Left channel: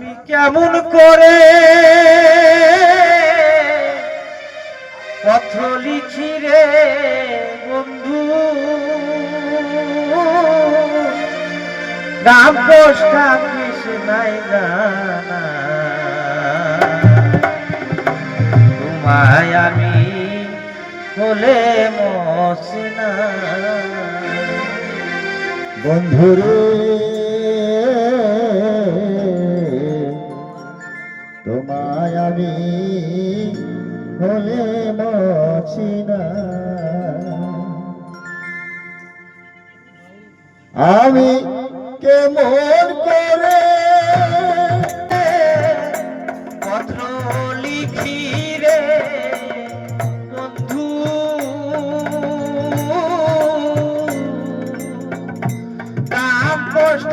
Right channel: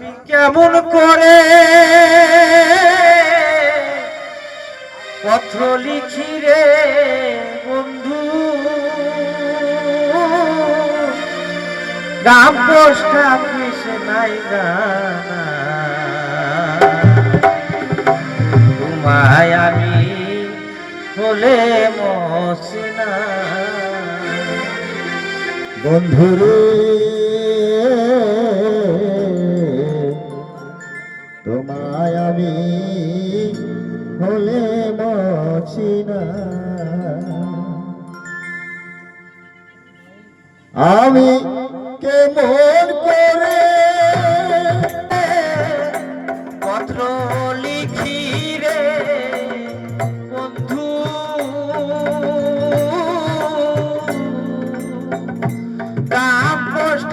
আমি কেমন করে পত্র লিখি রে বন্ধু? নাম পোস্টা অফিস নাই জানা তোমায় আমি হলে মসিনা। বন্ধুরে আমি হলে মছিনা আমি কেমন করে পত্র লিখি রে বন্ধু? কাম পোস্ট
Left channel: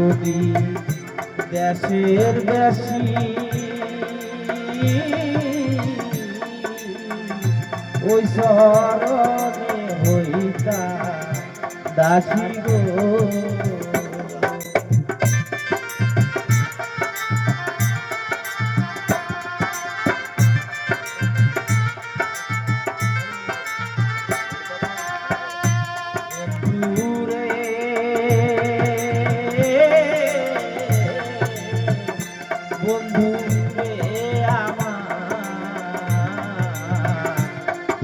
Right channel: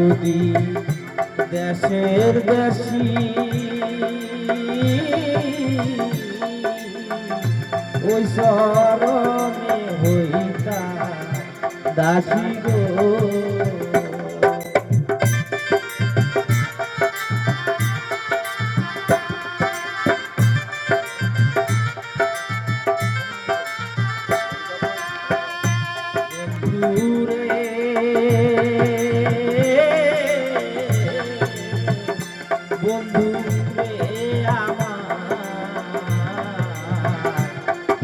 যদি দেশের বেশি। ওই শরণে হইতা দাসী গো। দূরে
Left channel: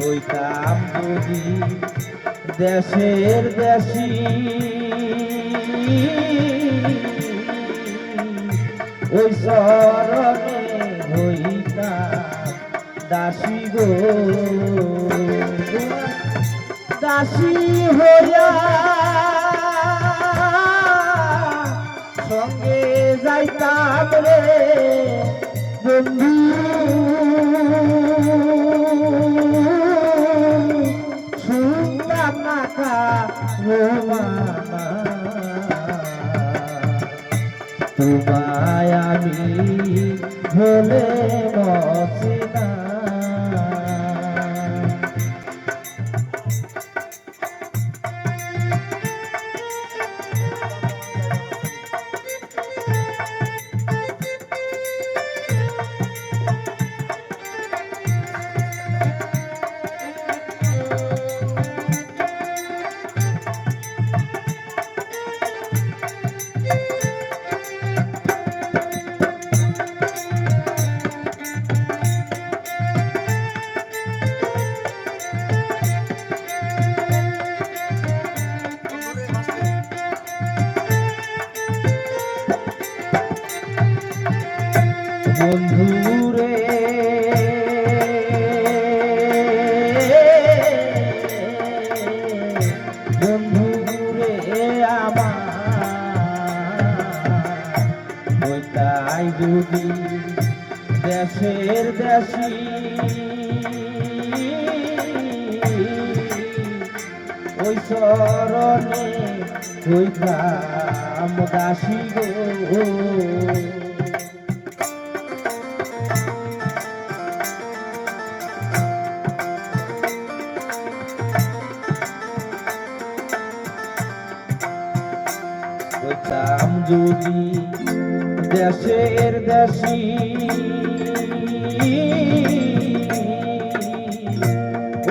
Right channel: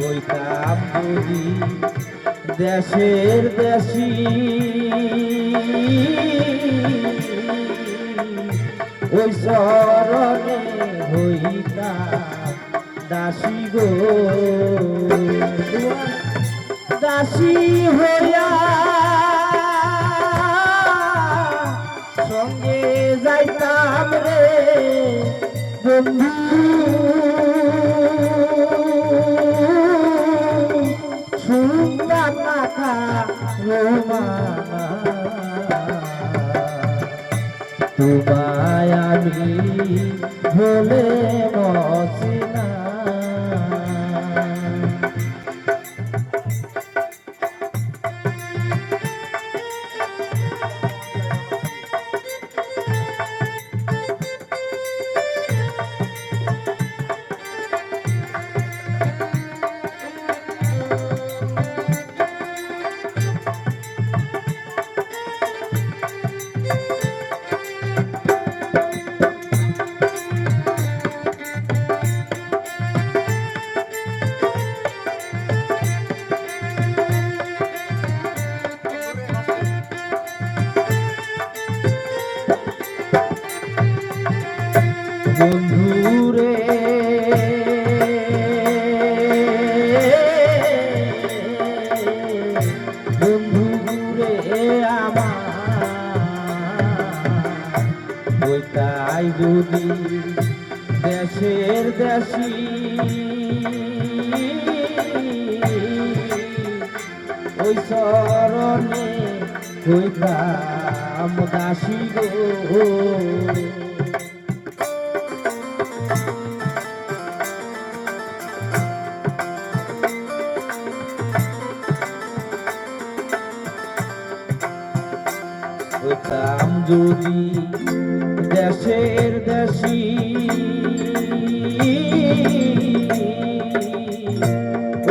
কইতাম যদি দেশের দেশি। ওই শরণে হইতা দাসী গো। দাসী হইয়া সঙ্গে যাইতাম রে বন্ধু। তোমায় আমি ভুলে তাই যদি দেশের দেশি। ওই চরণে হইতাম দাসী গো। যদি দেশের দেশি।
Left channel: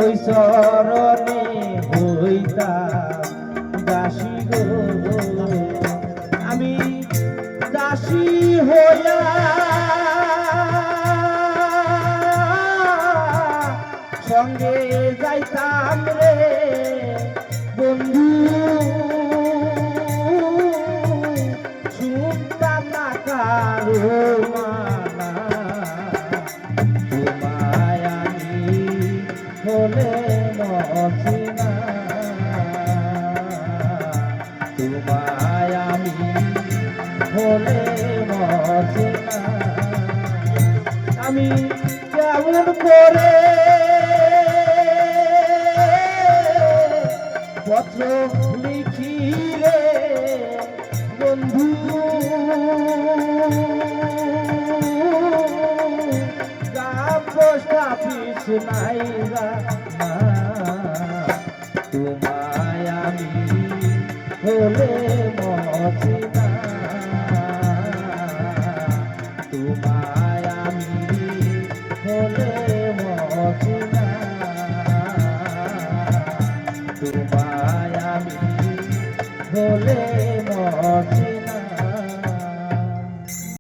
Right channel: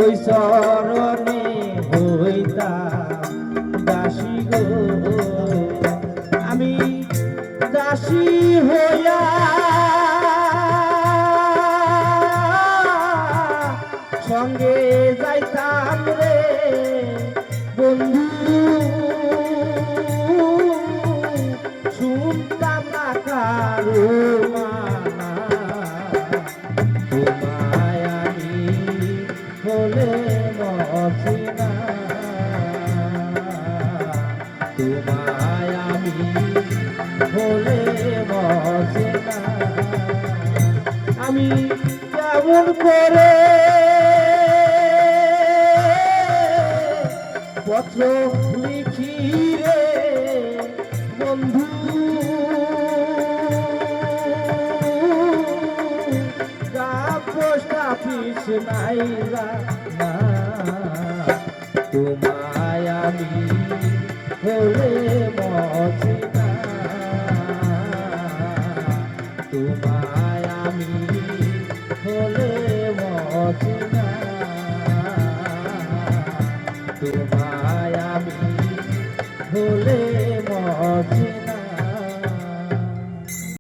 ওই চরণে হইতাম দাসী গো আমি দাসী হইয়া সঙ্গে যাইতাম রে। বন্ধু আমি কেমন করে পত্র লিখি রে বন্ধু পোস্ট তোমায় আমি হলে মচিনা